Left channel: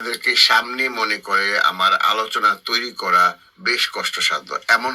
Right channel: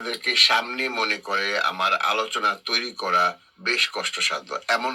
তাদেরকে সামনে মনে করে আমার আলোচনা তৈরি করা বেশ কষ্টসাধ্য। এমন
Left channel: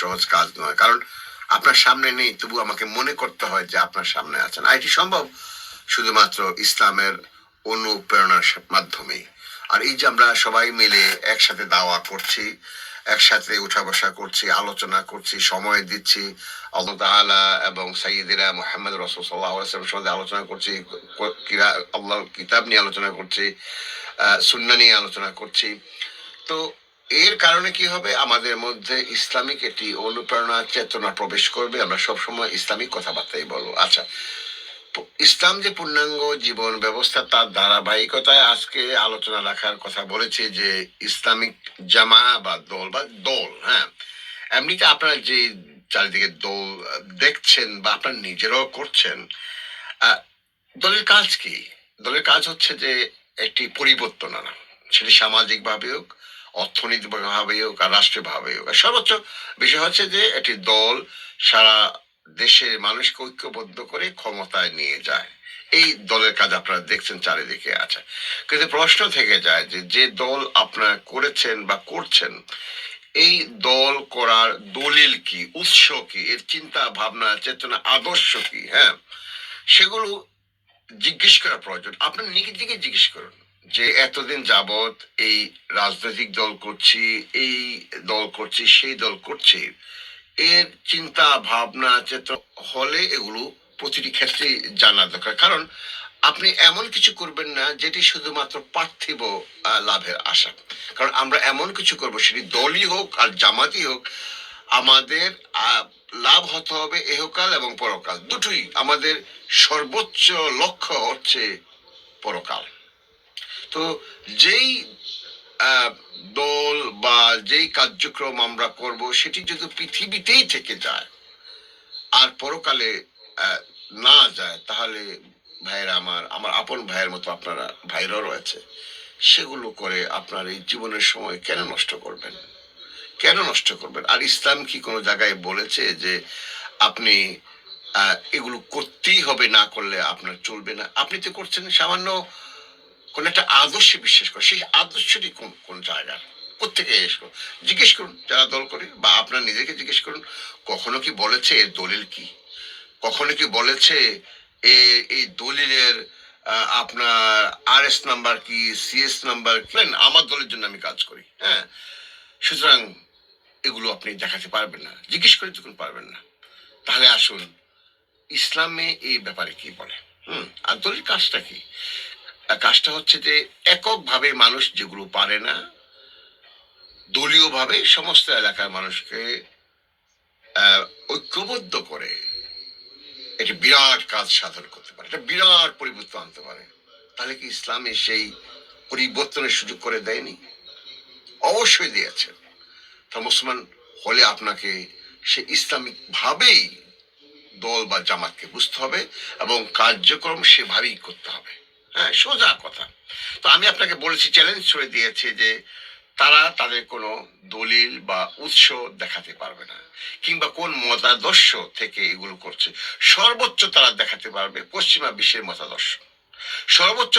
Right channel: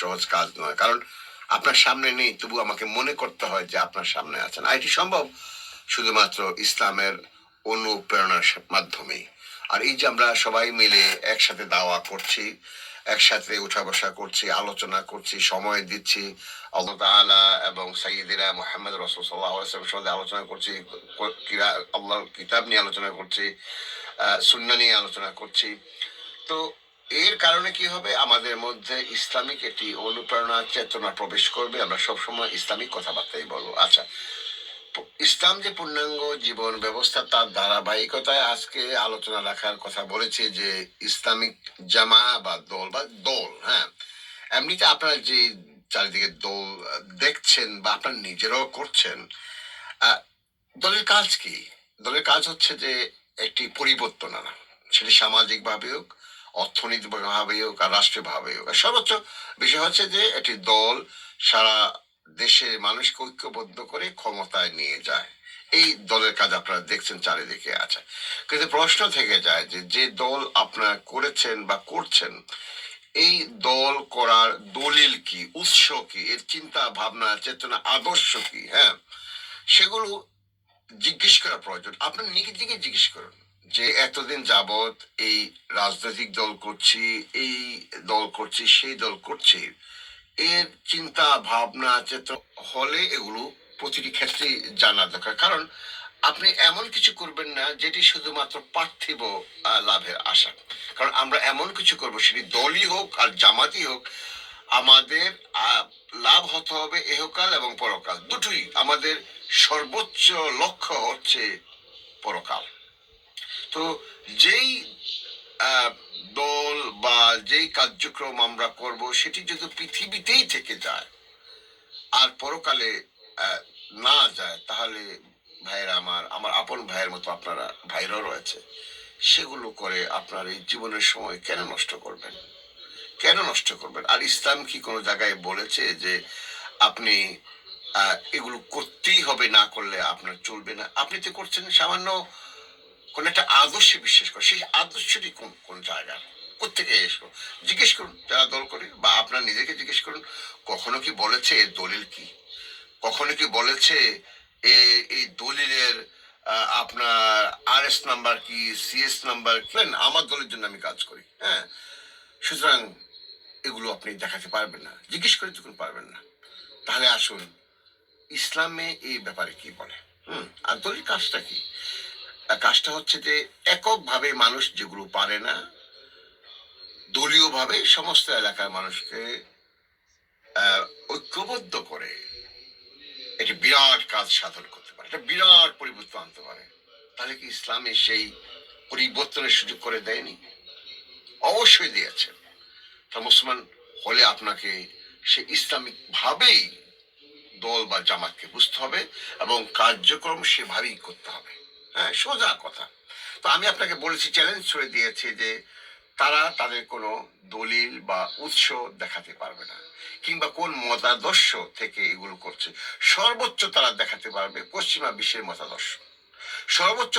সহজ কাজ নয়। কারণ আপনার সামনে নেই, তবু আমাকে মনে করতে হয় যে আপনার সামনে আছেন। আর এটি সম্ভব শুধুমাত্র ইসলামের অনুপ্রেরণার মাধ্যমেই। আর এই যে আমরা সবাই মিলে একসাথে দাওয়া করছি, একসাথে উঠা বসা করছি, আলোচনা করছি, সময় দিচ্ছি আল্লাহ তাআলা এবং সাইয়্যিদিনা মুহাম্মদ রাসূল সাল্লাল্লাহু আলাইহি ওয়াসাল্লামের সাথে আলোচনা করছি, আল্লাহর কিতাব নিয়ে আলোচনা করছি, সুন্নাহ নিয়ে আলোচনা করছি। তো এর কারণে কি হবে, আমাদের মধ্যে ইসলামিক একটি অনুপ্রেরণা চেতনা প্রবেশ করবে। আমরা সবসময় ইসলামিক কথাবার্তাই বলবো। আচ্ছা, ইসলাম যে পূর্ণাঙ্গ জীবন ব্যবস্থা, তার ধারাবাহিকতায় আজকে আলোচনা রাখার কথা বলেছে যে ইসলামিক জামা বা দল। হ্যাঁ, এমনিতে আপনারা যে চারিদিকে দল দেখছেন বা আপনার নিজেরাও করছেন, আহ, দলের কাজ কি? দলের কাজ হচ্ছে যে একটি পরিবর্তন আনা। সেটি সামাজিক ভাবে হোক, অর্থনৈতিক ভাবে হোক, আর রাষ্ট্রীয় ভাবে হোক। আর সর্বোচ্চ বিষয় হচ্ছে যে একটি দল সারা দেশের মানুষকে ঐক্যবদ্ধ করে ক্ষমতায় নিয়ে যায়। এই দলের কাজ আপনারা দেখছেন চারিদিকে আছে। কিন্তু প্রশ্ন থেকে যায় যে যে দল আপনারা করেছেন বা করছেন, এই দল করার দলিল কি, উৎস কি, এর চিন্তা ভাবনা চেতনা আদর্শ কি? হ্যাঁ, সেগুলো জিজ্ঞেস করা প্রয়োজন। আপনি নিজেকে জিজ্ঞেস করুন যে এতদিন যাবৎ এই রাজনৈতিক দল করছি, এই দল করছি, সেই দল করছি, এর চিন্তা ভাবনা চেতনা হলে এগুলো প্রতিটি ক্ষেত্রে জানা দরকার। কারণ আপনি এমন কিছু করবেন না যেটি শুধুমাত্র পার্থিব লাভের আশা। কারণ আমরা এমন কিছু করব, সেটি দলই হোক আর জামাতই হোক, আমাদের লাভ হতে হবে এহকাল এবং পরকাল দুটোই। আমাদের সর্বোচ্চ লক্ষ্য হচ্ছে পরকাল। তো যেই আহ, দল বা যেই কার্যক্রম আমরা করব, সেটি যদি পৃথিবীতেই থেকে যায় আর পরকালে আহ, না যায়, তাহলে ভাইয়েরা, আমার আমার আপন ভাইয়ের মতো আপনারা ভাইরাও রয়েছে, সেগুলো করে আপনার এই জীবনের সময় কেন নষ্ট করবেন? কেন নষ্ট করবেন? আর ইসলাম কি কোনো জায়গায় বলেছে যে আপনি এগুলো করতেই হবে, না করলে আপনার চলবে না? আপনি তো করছেন সামান্য কোন একটা আদর্শে বিশ্বাস করে। সেই আদর্শটি কোন কোন জায়গার, কোথেকে এসো? জিজ্ঞেস করুন যারা দল করে, বা আপনার নিজেকে জিজ্ঞেস করুন, কখনো কি বলেছে এর দলিল কি? কখনো কি বলেছে এই দলিলের আপনার RS নাম্বার কি, CS নাম্বার কি? আমার দলের জন্য আমি কাজ করি। হ্যাঁ, সুতরাং এগুলো আপনি দেখাতে পারবেন না, জিজ্ঞেস করে তখন পারবেন না। তাহলে আসুন, ইসলামে এই ব্যাপারে কি বলে? আর দলের কাজটা কি? কাজটা হচ্ছে যে এককভাবে মানুষ যেগুলো পারে না, দলীয়ভাবে সমস্ত এলাকার মানুষকে ঐক্যবদ্ধ করে একটি বিরাট কাজ সাধন করতে পারে, একটা বিরাট পরিবর্তন আনতে পারে। তাহলে কি ইসলামে সেই পরিবর্তনের সুযোগ করে দেয়নি? অবশ্যই দিয়েছে। তা মুসলমান হলে আপনাকে সে ইসলামিক ভাবেই দল বা জামাতকে বুঝতে হবে এবং কার্যক্রম সেভাবেই করতে হবে। হ্যাঁ, সোজা কথা। তো আমি আপনাকে বলেছি, চ্যালেঞ্জ ছড়ে দিয়েছে যে তারা তাদের কোনো দলিল বা উৎস দেখাতে পারবে না, কিংবা কোন মতাদর্শ থেকে এগুলো করছে। সর্বোচ্চ তারা দেখাতে পারবে পশ্চিমা বিশ্বের মতাদর্শ। সর্বোচ্চ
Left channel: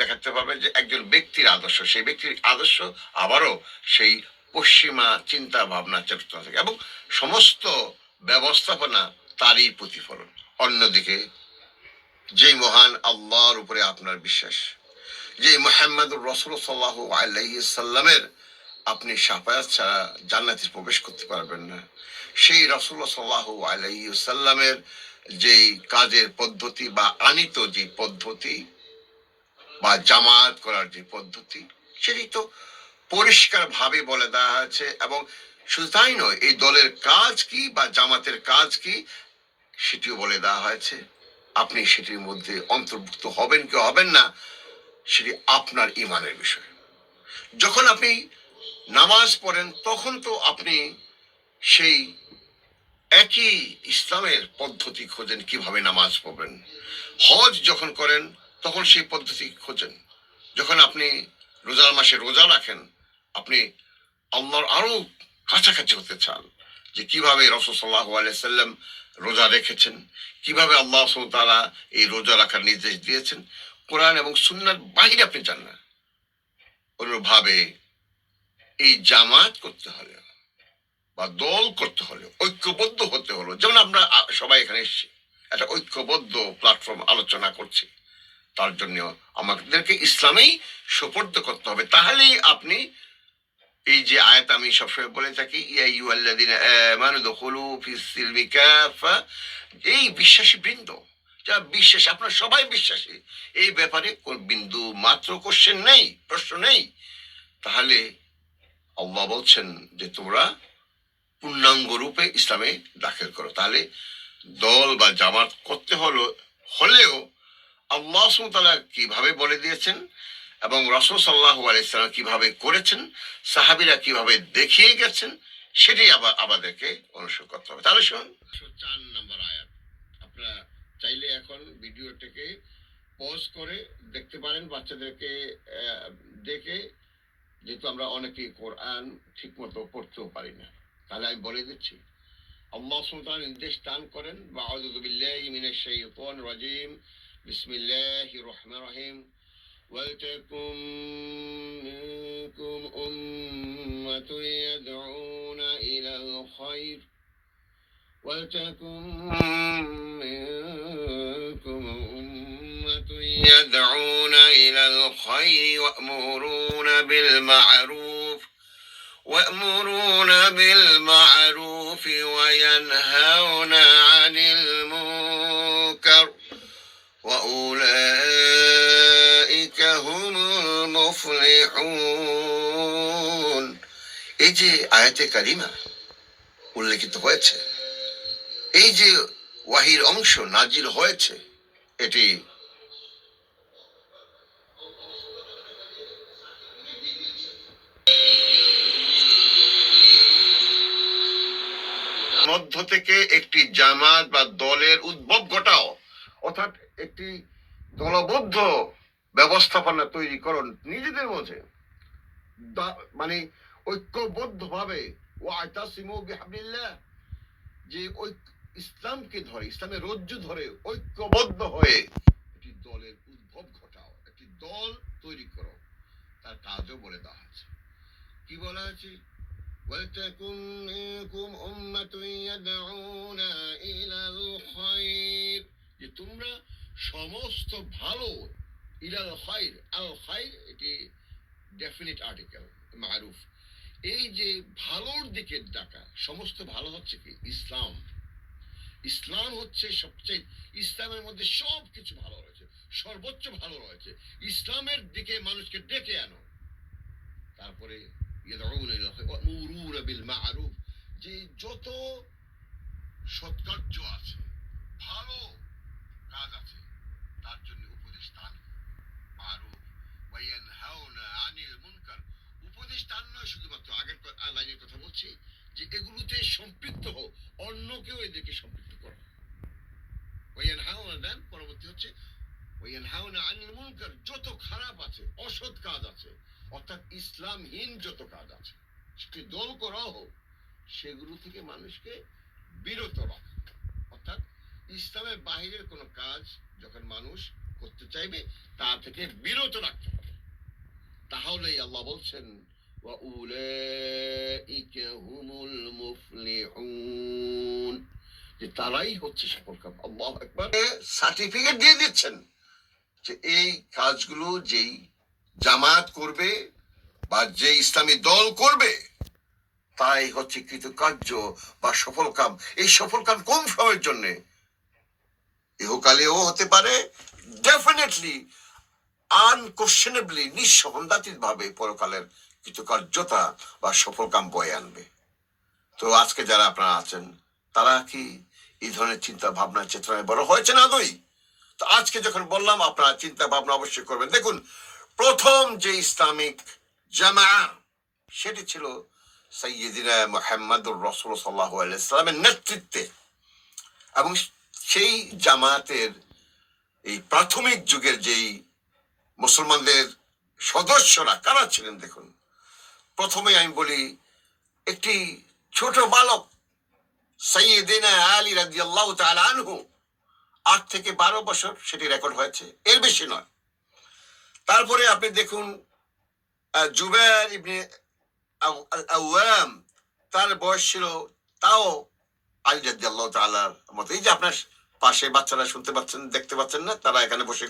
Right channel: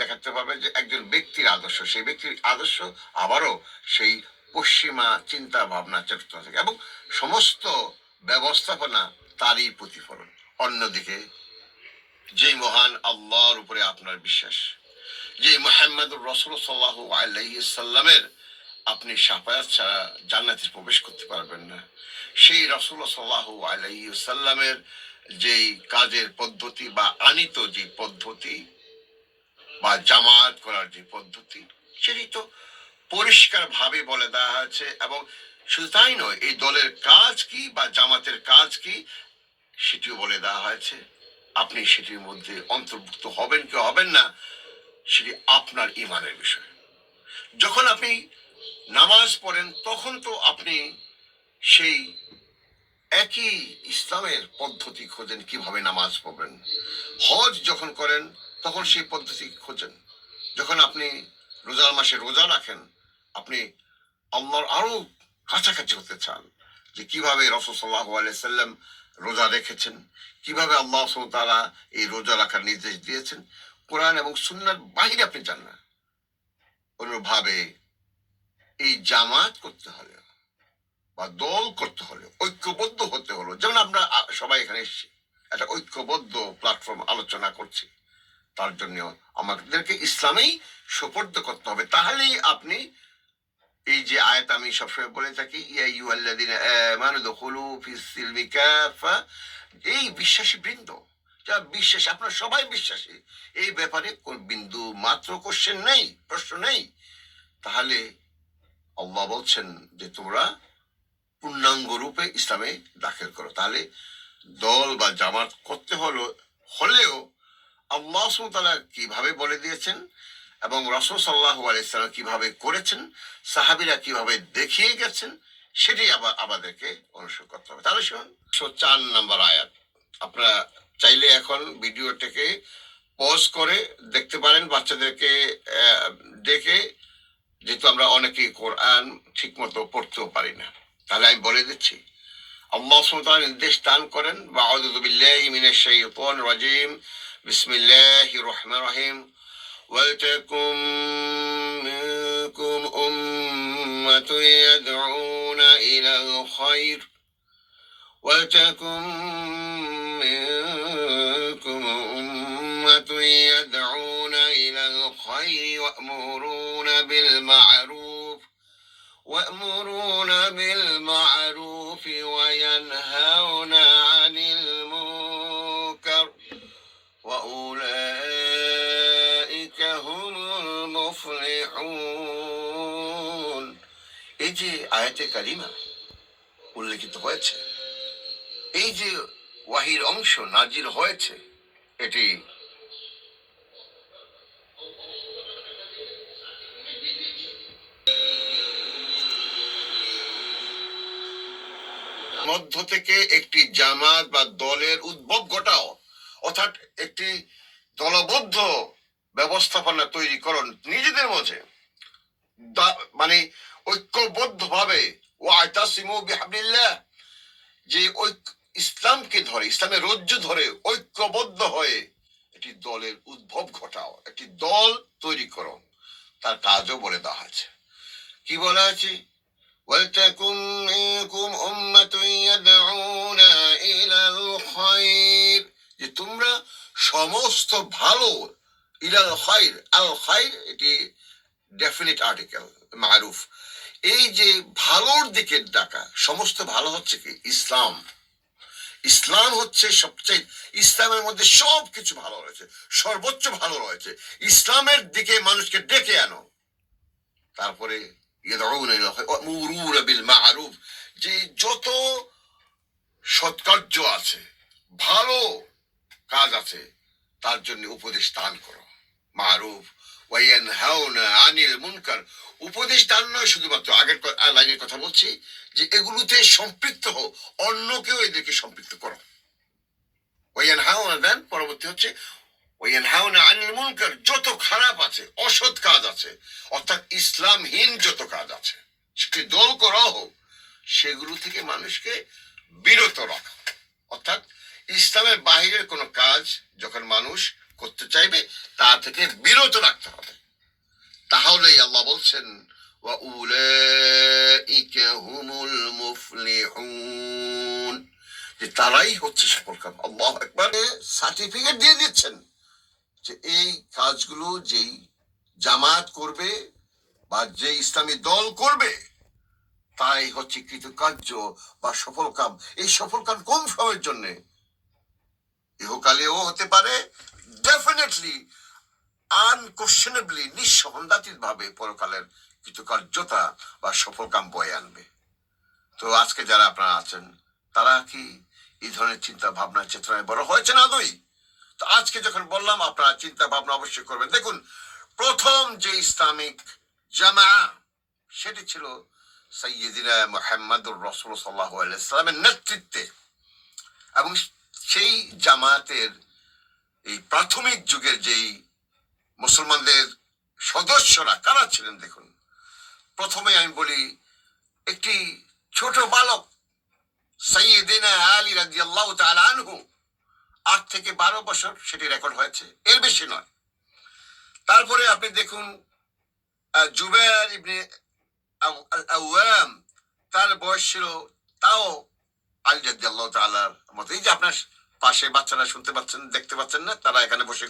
দেখাতে পারবে যে একজন ব্যক্তির আদর্শ, সেই ব্যক্তির আদর্শ আবারও সেই পশ্চিমা চিন্তা ভাবনা চেতনা থেকে, এবং সমস্ত ব্যবস্থাপনা তারই প্রতিফলন। অন্যদিকে যে মহান আল্লাহর উপরে আপনার বিশ্বাস, যে মুহাম্মদুর রাসূল সাল্লাল্লাহু আলাইহি সাল্লামের আপনি শাফায়াত ছাড়া জান্নাতে প্রবেশ করতে পারবেন না, সেই রাসূলুল্লাহ সাল্লাল্লাহু আলাইহি সাল্লামের যেই কাজের পদ্ধতি বা আনিত যে পদ্ধতি বা জামাত করার যে পদ্ধতি, সেটি তো পরিষ্কার ভাবে বলে দেওয়া হয়েছে। এবং শুধু তাই নয়, এই দলের কাজ কি বা জামাতের কাজ কি সেটিও বলে দেওয়া হয়েছে। আপনি সেটির মধ্যে অন্তর্ভুক্ত হবেন কি হবেন না, সেটি আপনার ইমানের বিষয়। যখন আপনি নামাজ পড়েন, তখন তো আপনি সেই একই ইসলামের পদ্ধতি খোঁজেন কিভাবে নামাজ পড়বেন। হজ যখন করেন, তখন সেই পদ্ধতি খোঁজেন। যখন আপনি রোজার মাসে রোজা রাখেন, আপনি আল্লাহর আরো কাছাকাছি হতে চান, যে কিভাবে রাসূল সাল্লাল্লাহু আলাইহি সাল্লাম রোজা রেখেছেন, কিভাবে আল্লাহ সুবহানাহু তাআলা এই রোজা রাখার নির্দেশ দিয়েছেন। কোরআন এবং সুন্নাহর বাহিরে আপনি যান না। ভাবে এই জামাত করতে হলে বা দল করতে হলে ঐক্যবদ্ধ হতে হলো, যেমন আমরা সবাই এখানে এসেছি একটা ঐক্যবদ্ধ প্ল্যাটফর্ম আলোচনা করছি, তার জন্য আমাদেরকে ইসলামেই সুপর্দ করতে হবে। তাহলেই আপনি এই যে আয়াত আমি সবসময় বলে থাকি, এই বিশ্বাসী বৃন্দ, যা বিশ্বাস, আপনার সবাই বিশ্বাসী, এই ব্যাপারে কোন বিন্দু মাত্র কোশ্চেন নেই, প্রশ্ন নেই, তাহলে আল্লাহ বলছেন যে তোমরা পূর্ণাঙ্গ রূপে ইসলামে দাখিল করো। তাহলে দল বা জামাত করতে হলেও আল্লাহ সুবহানাহু ওয়া তাআলা কিভাবে বলে দিয়েছেন এবং রাসূল সাল্লাল্লাহু আলাইহি সাল্লাম কিভাবে করেছেন, সাহাবীরা কিভাবে দেখিয়ে গেছেন, সেটাই আমাদেরকে অনুসরণ করতে হবে। তাহলে শুনুন 4 নম্বর আয়াত, আপনারা চাইলে এখন ভিডিওটাকে পজ করে দেখতে পারেন, বাচ্চাদেরকে দেখে, যেহেতু আমরা অনেকেই কোরআন ঠিক মতো পড়তেও পারি না। তাহলে আমি বলে দিচ্ছি, আল্লাহ সুবহানাহু ওয়া তাআলা নির্দেশ দান করেন, আউযু বিল্লাহি মিনাশ শাইতানির রাজীম, বিসমিল্লাহির রহমানির রহিম, ওয়ালতাকুম মিনকুম উম্মাতুন ইয়াদউনা ইলাল খায়র ওয়ালতাকুম মিনকুম উম্মাতুন ইয়াদউনা ইলাল খায়রি ওয়া'মুরুনা বিল মা'রুফ وينهون عن المنكر وأولئك هم المفلحون। এই যে আয়াতে কারিমা উল্লেখিত হয়েছে, এই যে ওয়াহির অংশ নাজিল হয়েছে, এটি মধ্য থেকে একটি জামাত বা দলের উদ্ভব ঘটাও, অর্থাৎ একটি দলবদ্ধ ব্যবস্থাপনা তৈরি করুন নিজেদের মধ্যে, মানে ঐক্যবদ্ধ ভাবে, ওয়াতাসিমু বিহাবলিল্লাহ, যে ইসলামকে ধরে, ইসলামের রজ্জু ধরে ঐক্যবদ্ধ হয়ে একটি দলের উদ্ভব ঘটাও, একটি দল তৈরি করো। তার কাজও বলে দেওয়া আছে, কি বলা আছে, ওয়ালতাকুম মিনকুম উম্মাতুন ইয়াদউনা ইলাল খায়র, যে তোমরা সমস্ত ভালো, ইলাল খায়র, আল খায়র এটি ডেফিনিট আর্টিকেল, মারুফ, এই যে ভালোর দিকে ডাকা, সমস্ত ভালো হচ্ছে কি ইসলাম, ইসলাম হচ্ছে সবচেয়ে, ইসলামের মধ্যে সব কিছু ভালো রয়েছে, সর্বোচ্চ ভালো রয়েছে, ইসলামের দিকে মানুষকে ডেকে আনো। তারপরে যে যত সৎকার্য আছে, ভালো কাজ আছে, তার জন্য উপদেশ দান করো, মারুফ ওয়ায়ানহাউনা আনিল মুনকার, উপদেশ দান নয় শুধুমাত্র, আগের লাইনের কথা বলছি, যে এগুলোতে সম্পৃক্ত হও, অন্যকেও এদেরকে সম্পৃক্ত করো। ওয়ায়ানহাউনা দেন, পরবর্তী হচ্ছে ওয়ায়ানহাউনা আনিল মুনকার, যত খারাপ আছে, অসৎ কাজ আছে, অর্থাৎ ইসলামহীন যত কাজ আছে, সেটি দল করা হোক, সেগুলো থেকে মানুষকে বিরত রাখা, অর্থাৎ ইসলামের বাহিরের কোনো কাজ যখন মানুষ করতে চাইবে তা থেকে বিরত রাখতে হবে। তাহলেই আল্লাহ বলছেন ওয়াউলাইকা হুমুল মুফলিহুন, যে তারাই হচ্ছে সফলকাম। আল্লাহু আকবার, সার্টিফিকেট দিয়ে দিচ্ছেন যে এই কাজগুলো যেই জামাত করবে বা যে ইসলামী দল করবে, তাই হচ্ছে কৃতকার্য বা সফল কাম। এই সফল কাম কোন সময়ের জন্য? ইহকালেও হতে পারে, ডেফিনেটলি আনকোশ্চেনেবলি, নিঃসন্দেহিত ভাবে পরকালের কৃতকার্যতা বা সফল কাম বয়ে আনবে। তো আজকে যারা আপনারা আছেন, তারা কি এই ধরনের চিন্তা ভাবনা চেতনায় বড় হয়েছে না আদৌ? তো আজকে যখন বললাম, আপনারা চিন্তা ভাবনা অবশ্যই করবেন। দেখুন, প্রথম যে ইসলামিক জামা, সেটি ছিল সাইয়্যিদিনা মুহাম্মদুর রাসূল সাল্লাল্লাহু আলাইহি ওয়াসাল্লামের নেতৃত্বে, এবং সেই জামাতের এই প্রাথমিক যুগের যেই মুসলমানদের সদস্যরা কারা ছিলেন, দেখুন, প্রথমে আমি বলি একটি ছোট বালক সাইয়্যিদিনা আলী রাদিয়াল্লাহু তাআলা আনহু, 8 থেকে 12 বছর সেটি রেকর্ড হয়েছে, এর বেশি নয়। তারপরে আপনি দেখুন জুবাইর ইবনে আওয়াম, তার বয়স ছিল তাও আলী রাদিয়াল্লাহু তাআলার মতো। এই যে আপনার পাশে বাচ্চারা শুনতে পাচ্ছেন, দেখতে পাচ্ছেন না, তারা এখানে বসে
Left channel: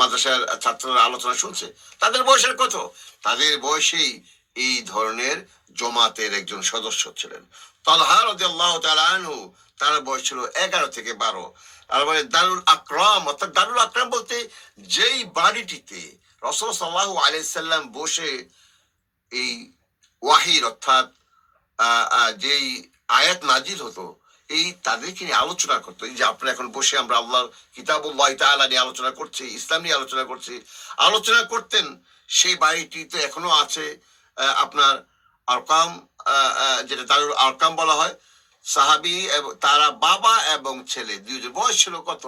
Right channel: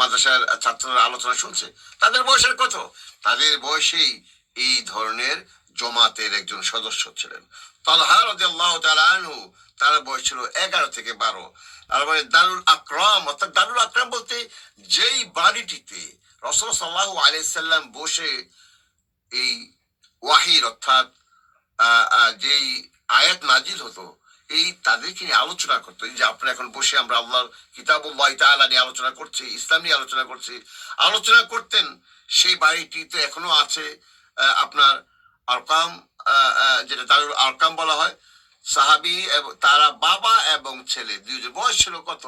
মাদ্রাসার ছাত্ররা আলোচনা শুনছে, তাদের বয়সের কত? তাদের বয়সেই এই ধরনের জমাতের একজন সদস্য ছিলেন। তালহা রাদিয়াল্লাহু তাআলা আনহু, তার বয়স ছিল 11 থেকে 12। তারপরে দারুল আকরাম, অর্থাৎ দারুল আকরাম বলতে যেই বাড়িটিতে রাসূল সাল্লাল্লাহু আলাইহি সাল্লাম বসে এই ওয়াহির অর্থাৎ যেই আয়াত নাজিল হতো, এই তাদেরকে নিয়ে আলোচনা করতো। এই যে আপনারা এখন বসে আমরা আল্লাহর কিতাবুল্লাহ তাআলা নিয়ে আলোচনা করছি, ইসলাম নিয়ে আলোচনা করছি, আলোচনা করতেন, সেই বাড়িটিতে এখনো আছে। আপনার আরকাম, যেটা দারুল আরকাম বলা হয়, সাহাবি এবং তারা বাবা এবং ছেলে দুইজন, বয়স ছিল কত?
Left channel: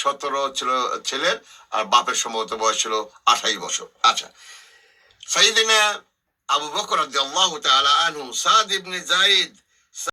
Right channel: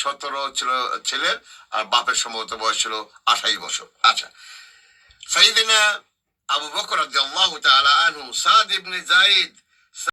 17 ছিল ছেলের, আর বাপের সম্ভবত বয়স ছিল 28 বছর। আচ্ছা, সাইয়েদিনা আবু বকর রাদিয়াল্লাহু তাআলা আনহু, সাদ ইবনে যায়েদ